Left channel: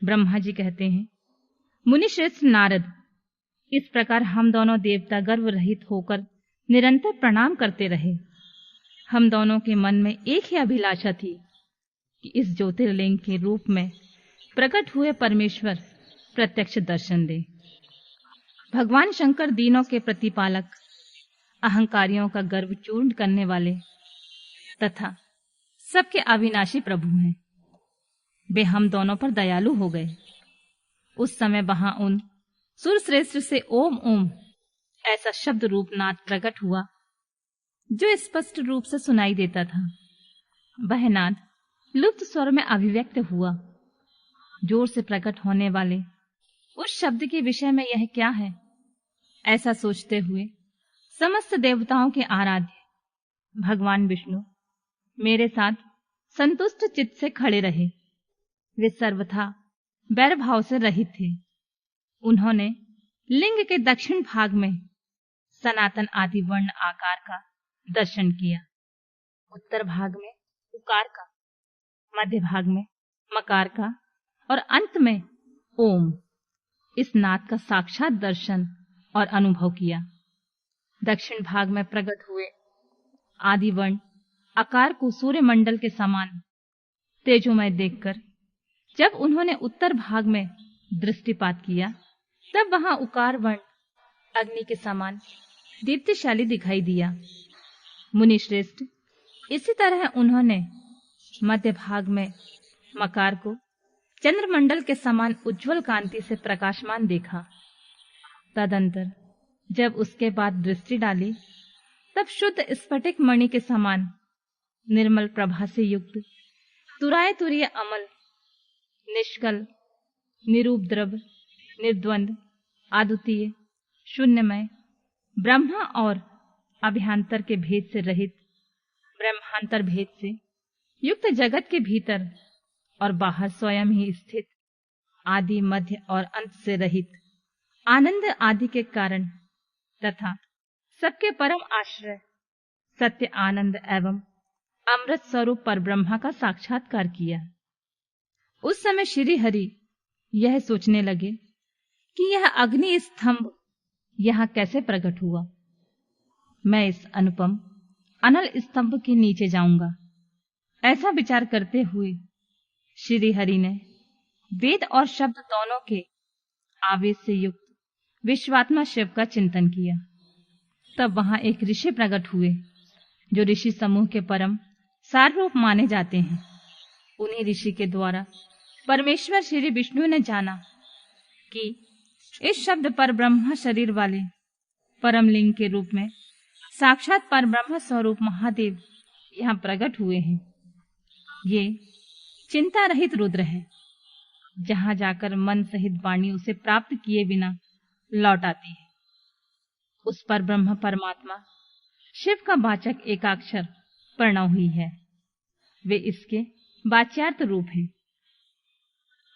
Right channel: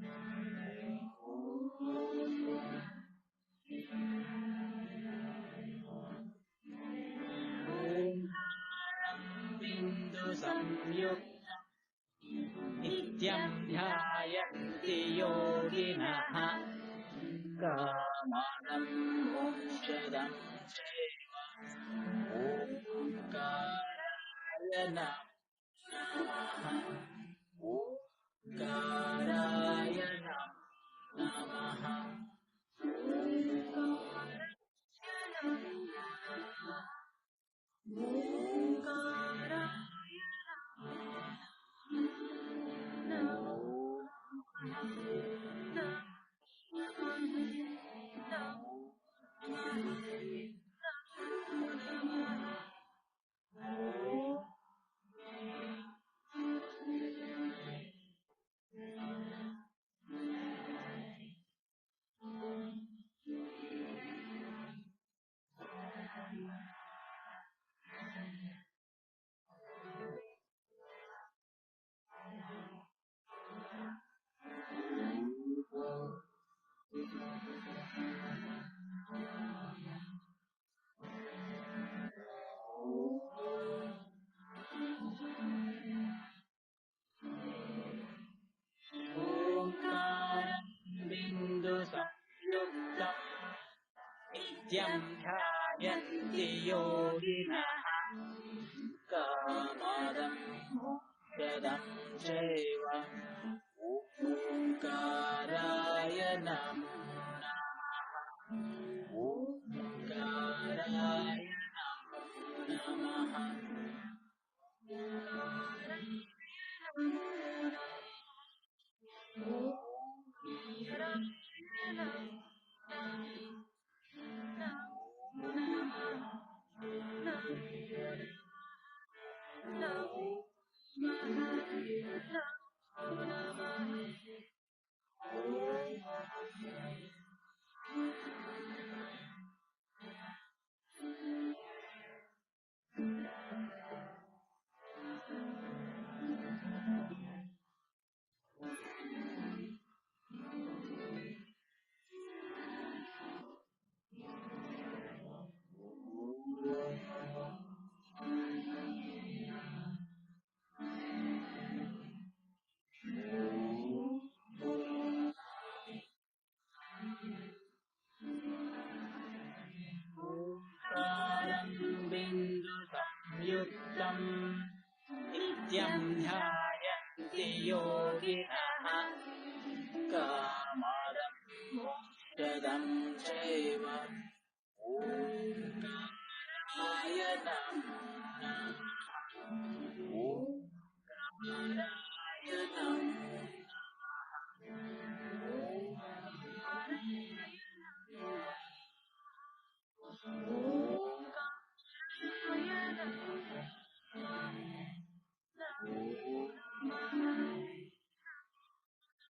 ब्रह्मा जी कहते हैं, मुनि श्रेष्ठ नारद, इस प्रकार हम दोनों देवता गर्व रहित होकर निरंतर प्रणाम करते रहे। हम दोनों के मन में एक ही अभिलाषा थी कि इस ज्योतिर्लिंग के रूप में प्रकट हुए परमेश्वर प्रत्यक्ष दर्शन दे। भगवान शंकर दीनों के प्रतिपालक, अहंकारियों का गर्व चूर्ण करने वाले तथा सबके अविनाशी प्रभु हैं। वे हम दोनों पर दयालु हो गए। उस समय वहां उन सुर श्रेष्ठ से ओम ओम ऐसा शब्द रूप नाद प्रकट हुआ जो स्पष्ट रूप से सुनाई देता था। वह नाद लुप्त स्वर में अभिव्यक्त हुआ। जोर से प्रकट होने वाले उस शब्द के विषय में यह क्या है, ऐसा सोचते हुए समस्त देवताओं के आराध्य भगवान विष्णु मेरे साथ संतुष्ट चित्त से खड़े रहे। वे सर्वथा वैर भाव से रहित थे। उन्होंने लिंग के दक्षिण भाग में सनातन आदि वर्ण आकार का दर्शन किया, उत्तर भाग में उकार का, मध्य भाग में मकार का और अंत में ओम इस नाद का साक्षात दर्शन और अनुभव किया। दक्षिण भाग में प्रकट हुए आदि वर्ण आकार को सूर्य मंडल के समान तेजोमय देखकर जब उन्होंने उत्तर भाग में दृष्टिपात किया, तब वहां उकार वर्ण अग्नि के समान दीप्तिशाली दिखाई दिया। मुनि श्रेष्ठ, इसी तरह उन्होंने मध्य भाग में मकार को चंद्रमंडल के समान उज्जवल कांति से प्रकाशमान देखा। तदंतर जब उसके बाद दृष्टि डाली, तब शुद्ध स्फटिक मणि के समान निर्मल प्रभा से युक्त तुराय तुरीय अमल, निष्कल, निरूपद्रव, निर्द्वंद, अद्वितीय, शून्यमय, ब्रह्मा और अभ्यंतर के भेद से रहित, ब्रह्मांतर भेद से युक्त जगत के भीतर और बाहर स्वयं ही स्थित, आदि मध्य और अंत से रहित, आनंद आदि के कारण तथा सबके परम आश्रय, सत्य आनंद एवं अमृत स्वरूप पर ब्रह्मा का साक्षात्कार किया। उस समय श्री हरि यह सोचने लगे कि यह अग्नि स्तंभ यहाँ कैसे प्रकट हुआ। मैं इस अनुपम अनल स्तंभ के नीचे जाऊंगा। ऐसा विचार करते हुए श्री हरि ने वेद और शब्द दोनों के आवेश से युक्त विश्वात्मा शिव का चिंतन किया। तब वहां एक ऋषि प्रकट हुए जो ऋषि समूह के परम सार रूप माने जाते हैं। उन्हीं ऋषि के द्वारा परमेश्वर श्री विष्णु ने जाना कि इस शब्द पर ब्रह्म शरीर वाले परम लिंग के रूप में साक्षात पर ब्रह्म स्वरूप महादेव यहाँ प्रकट हुए हैं। ये चिंता रहित रुद्र है, जहाँ जाकर मन सहित वाणी उसे प्राप्त किए बिना लौट आती है। उस पर ब्रह्म परमात्मा शिव का वाचक एकाक्षर प्रणव ही है। वे इसके वाच्यार्थ रूप हैं।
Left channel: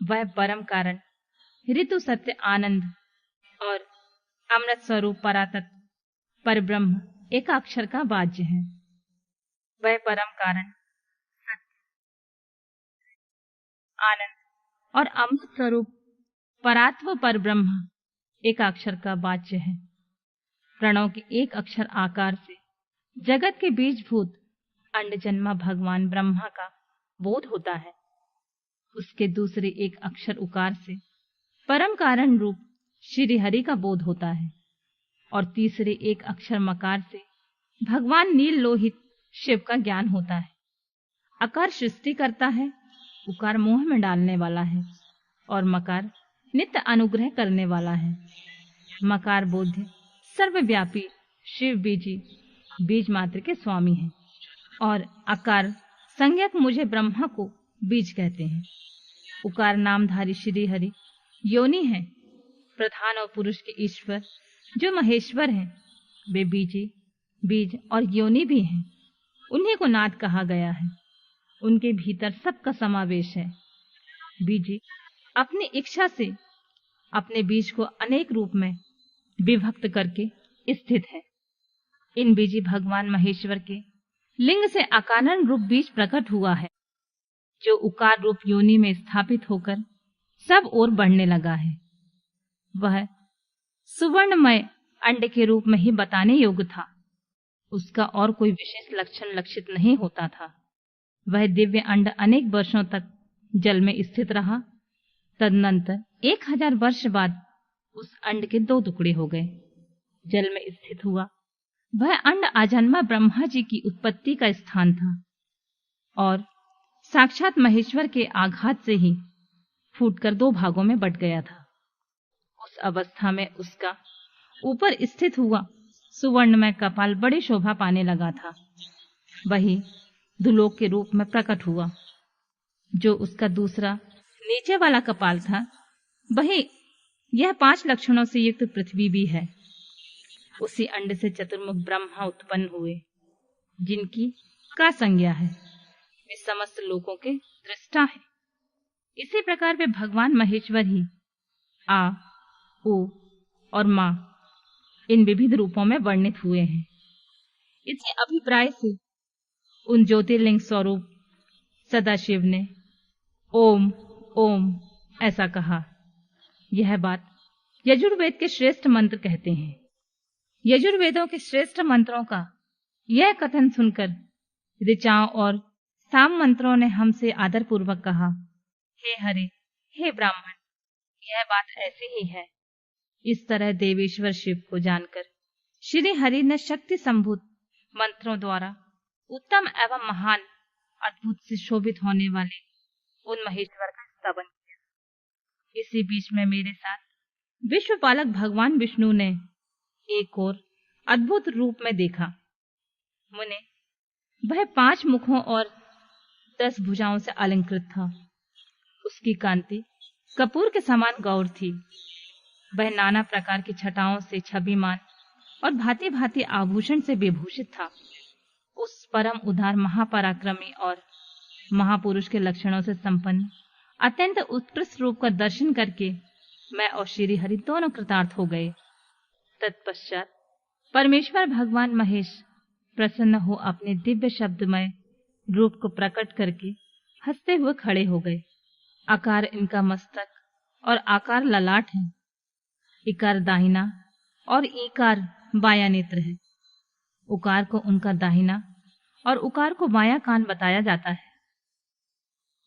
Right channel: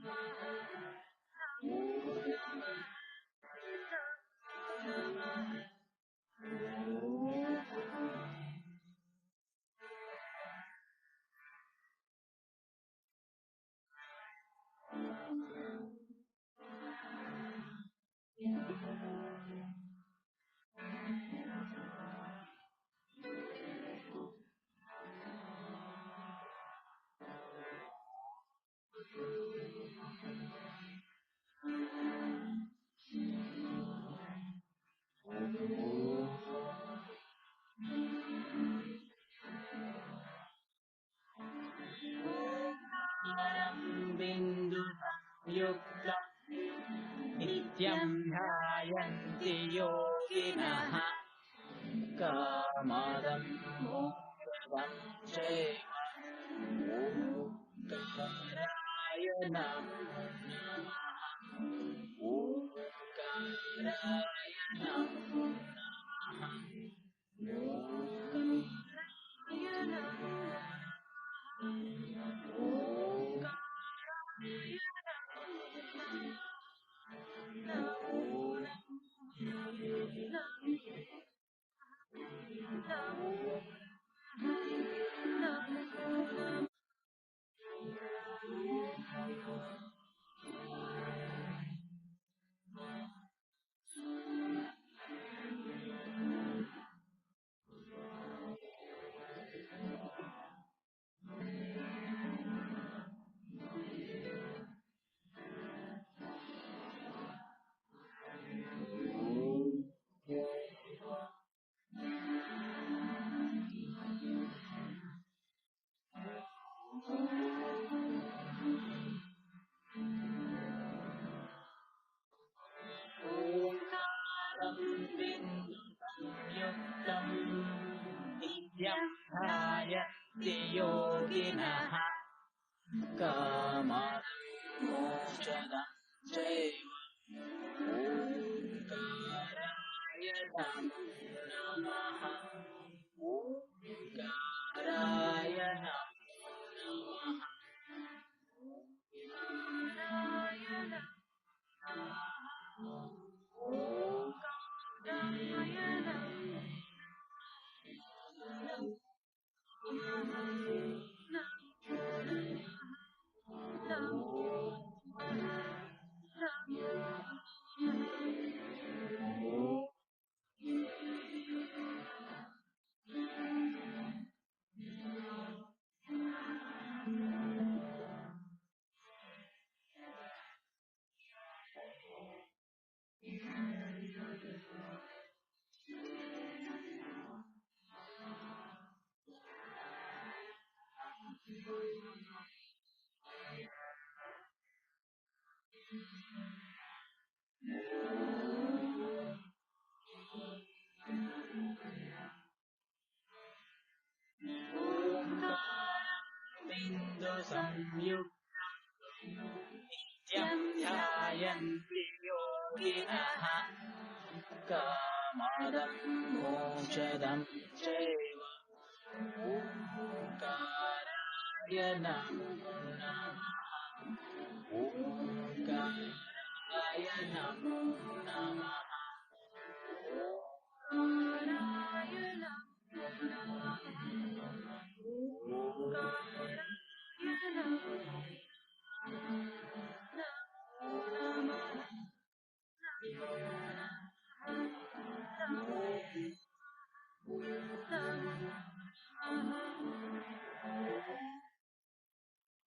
वह परम कारण, ऋतु, सत्य, आनंद और अमृत स्वरूप परातत्व पर ब्रह्म एकाक्षर का वाच्य है। वह परम कारण, आनंद और अमृत स्वरूप परात्व पर ब्रह्म एकाक्षर का वाच्य है। प्रणव के एक अक्षर आकार से जगत के बीजभूत अंड जन्मा भगवान ब्रह्मा का बोध होता है। उसके दूसरे एक अक्षर उकार से परम कारण रूप श्री हरि का बोध होता है और तीसरे एक अक्षर मकार से भगवान नील लोहित शिव का ज्ञान होता है। अकार सृष्टि करता है, उकार मोह में डालने वाला है और मकार नित्य अनुग्रह करने वाला है। मकार बोध सर्वव्यापी शिव बीजी बीज मात्र के स्वामी है और अकार संज्ञक मुझे ब्रह्मा को बीज कहते हैं। उकार नामधारी श्री हरि योनि है, प्रधान और पुरुष के ईश्वर जो महेश्वर हैं। वे बीजी, बीज और योनि भी हैं। उन्हीं को नाद कहा गया है। उनके भीतर सबका समावेश है। बीजी अपनी इच्छा से अपने बीज को अनेक रूप में विभक्त करके स्थित है। इन बीजी भगवान महेश्वर के लिंग से अकारण रूप बीज प्रकट हुआ है, जो उकार रूप योनि में स्थापित होकर सब ओर बढ़ने लगा है। वह सुवर्णमय अंड के रूप में ही बताने योग्य था। उसका और कोई विशेष लक्षण लक्षित नहीं होता था। वह दिव्य अंड अनेक वर्षों तक जल में स्थित रहा। तदनंतर 1000 वर्ष बाद उस अंड के 2 टुकड़े हो गए, जल में स्थित हुआ। वह अंड आजन्मा ब्रह्मा जी की उत्पत्ति का स्थान था और साक्षात महेश्वर के आघात से ही फूटकर 2 भागों में बट गया था। उस अवस्था में उसका ऊपर स्थित हुआ सुवर्णमय कपाल बड़ी शोभा पाने लगा था। वही दुलोक के रूप में प्रकट हुआ। जो उसका दूसरा नीचे वाला कपाल था, वही यह 5 लक्षणों से युक्त पृथ्वी भी है। उसी अंड से चतुर्मुख ब्रह्मा उत्पन्न हुए, जिनकी का संज्ञा है। वे समस्त लोकों के दृष्टा है। इसी प्रकार वे भगवान महेश्वर ही आ, ओ और मां इन विविध रूपों में वर्णित हुए हैं। इसी अभिप्राय से उन ज्योतिर्लिंग स्वरूप सदाशिव ने ओम ओम ऐसा कहा। यह बात यजुर्वेद के श्रेष्ठ मंत्र कहते हैं। यजुर्वेदों के श्रेष्ठ मंत्रों का यह कथन सुनकर ऋचाओं और साम मंत्रों ने हमसे आदर पूर्वक कहा, हे हरे, हे ब्राह्मण, यह बात ऐसी ही है। इस तरह देवेश्वर शिव को जानकर श्री हरि ने शक्ति संभूत मंत्रों द्वारा उत्तम एवं महान अद्भुत से शोभित होने वाले उन महेश्वर का स्तवन किया। इसी बीच में मेरे साथ विश्वपालक भगवान विष्णु ने एक और अद्भुत रूप में देखा। मुने, वह 5 मुखों और 10 भुजाओं से अलंकृत था। उसकी कांति कपूर के समान गौर थी। वह नाना प्रकार की छटाओं से छविमान और भांति भांति आभूषण से विभूषित था। उस परम उदार महापराक्रमी और महापुरुष के लक्षणों से संपन्न अत्यंत उत्कृष्ट रूप का दर्शन करके मैं और श्री हरि दोनों कृतार्थ हो गए। तत्पश्चात परमेश्वर भगवान महेश प्रसन्न हो अपने दिव्य शब्दमय रूप को प्रकट करके हंसते हुए खड़े हो गए। आकार इनका मस्तक और आकार ललाट है। इकार दाहिना और ईकार बाया नेत्र है। उकार को उनका दाहिना और उकार को बाया कान बताया जाता है।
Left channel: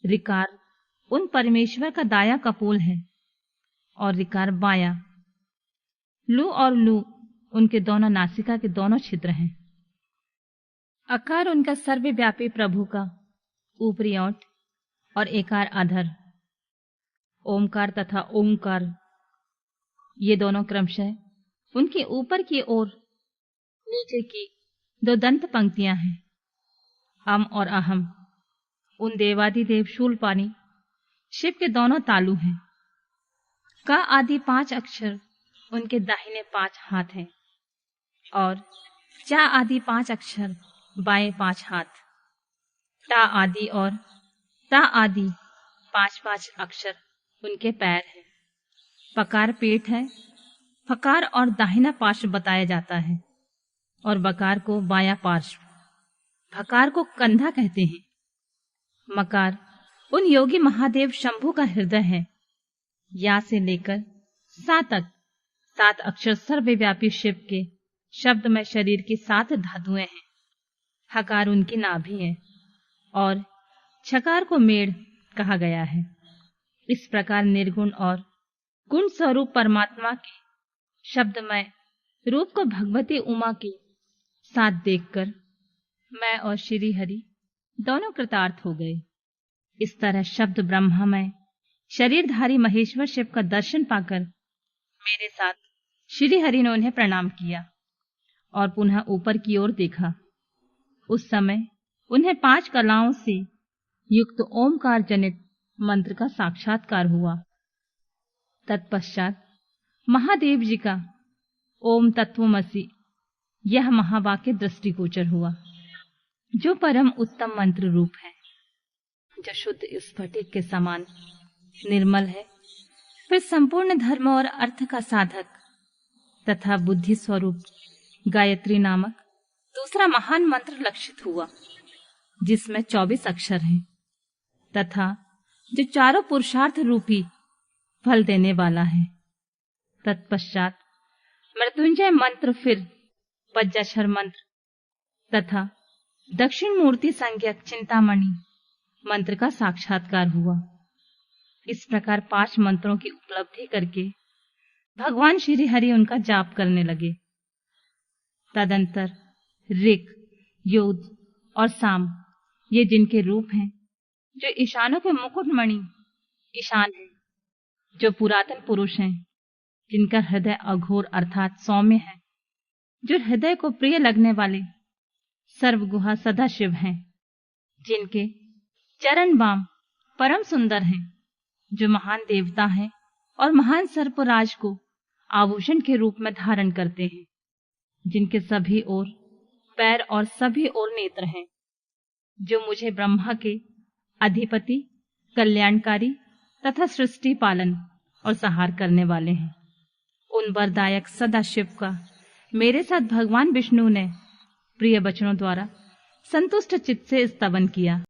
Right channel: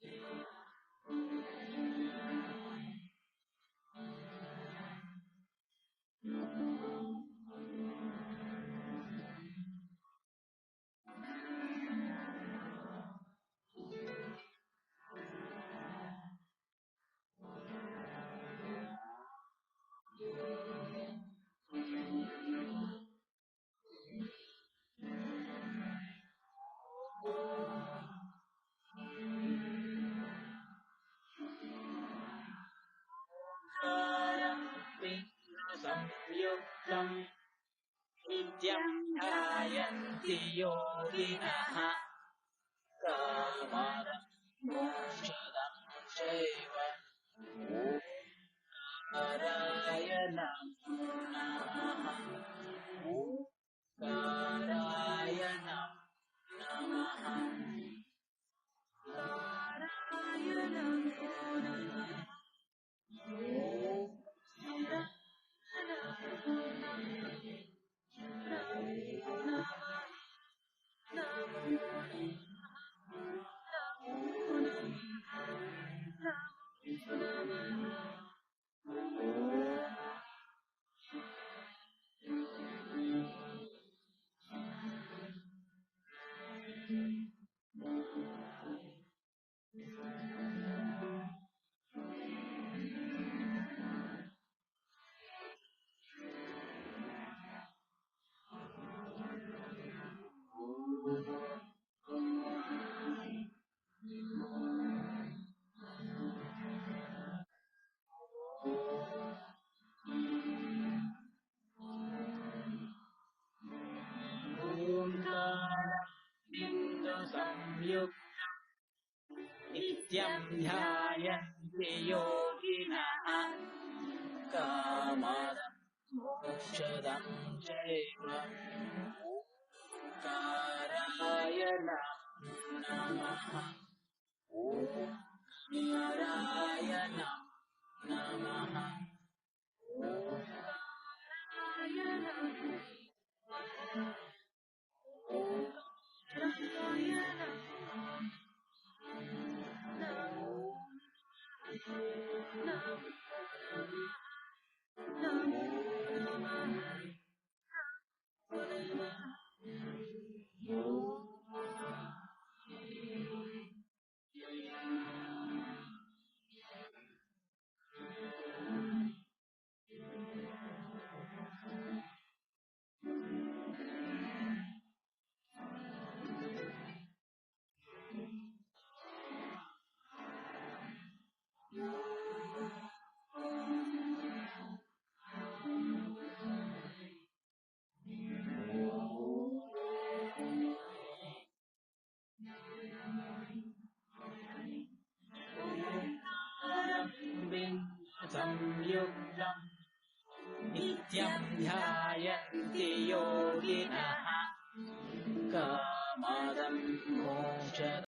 ऋकार उन परमेश्वर का दाया कपोल है और ऋकार बाया। लू और लू उनके दोनों नासिका के दोनों छिद्र हैं। अकार उनका सर्वव्यापी प्रभु का ऊपरी ओंठ और एकार अधर। ओमकार तथा ओंकार ये दोनों क्रमशः उनके ऊपर की ओर नीचे की 2 दंत पंक्तियां हैं। अम और अहम उन देवादिदेव शूलपाणी शिव के दोनों तालु हैं। का आदि 5 अक्षर उनके दाहिने 5 हाथ हैं और चा आदि 5 अक्षर बाएं 5 हाथ। टा आदि और ता आदि 5 अक्षर उनके पैर हैं। पकार पेट है। फकार और दाहिना पार्श्व बताया जाता है और बकार को बाया पार्श्व। भकार को कंधा कहते हैं। मकार उन योगी महादेव शंभु का हृदय है। या से लेकर सा तक 7 अक्षर सर्वव्यापी शिव के शब्द में शरीर की 7 धातुएं हैं। हकार उनकी नाभि है और छकार को मेड़ कहा गया है। इस प्रकार निर्गुण और गुण स्वरूप परमात्मा के शब्दमय रूप को भगवती उमा के साथ देखकर मैं और श्री हरि दोनों कृतार्थ हो गए। इस तरह शब्द ब्रह्ममय शरीरधारी महेश्वर शिव का दर्शन पाकर मेरे साथ श्री हरि ने उन्हें प्रणाम किया और पुनः ऊपर की ओर देखा। उस समय उन्हें 5 कलाओं से युक्त ओमकार जनित मंत्र का साक्षात्कार हुआ। तत्पश्चात महादेव जी का ओम तत्वमसि यह महावाक्य दृष्टिगोचर हुआ, जो परम उत्तम मंत्र रूप है, जो शुद्ध स्फटिक के समान निर्मल है। फिर संपूर्ण धर्म और अर्थ का साधक तथा बुद्धि स्वरूप गायत्री नामक दूसरा महान मंत्र लक्षित हुआ, जिसमें 24 अक्षर हैं तथा जो चारों पुरुषार्थ रूपी फल देने वाला है। तत्पश्चात मृत्युंजय मंत्र, फिर पंचाक्षर मंत्र तथा दक्षिण मूर्ति संज्ञक चिंतामणि मंत्र का साक्षात्कार हुआ। इस प्रकार 5 मंत्रों की उपलब्धि करके भगवान श्री हरि उनका जाप करने लगे। तदंतर ऋक, योध और साम, ये जिनके रूप हैं, जो ईशानों के मुकुटमणि ईशान है, जो पुरातन पुरुष हैं, जिनका हृदय अघोर अर्थात सौम्य है, जो हृदय को प्रिय लगने वाले सर्वगुहा सदाशिव हैं, जिनके चरण बाम परम सुंदर हैं, जो महान देवता हैं और महान सर्पराज को आभूषण के रूप में धारण करते हैं, जिनके सभी ओर पैर और सभी ओर नेत्र हैं, जो मुझे ब्रह्मा के अधिपति, कल्याणकारी तथा सृष्टि पालन और संहार करने वाले हैं, उन वरदायक सदाशिव का मेरे साथ भगवान विष्णु ने प्रिय वचनों द्वारा संतुष्ट चित्त से स्तवन किया।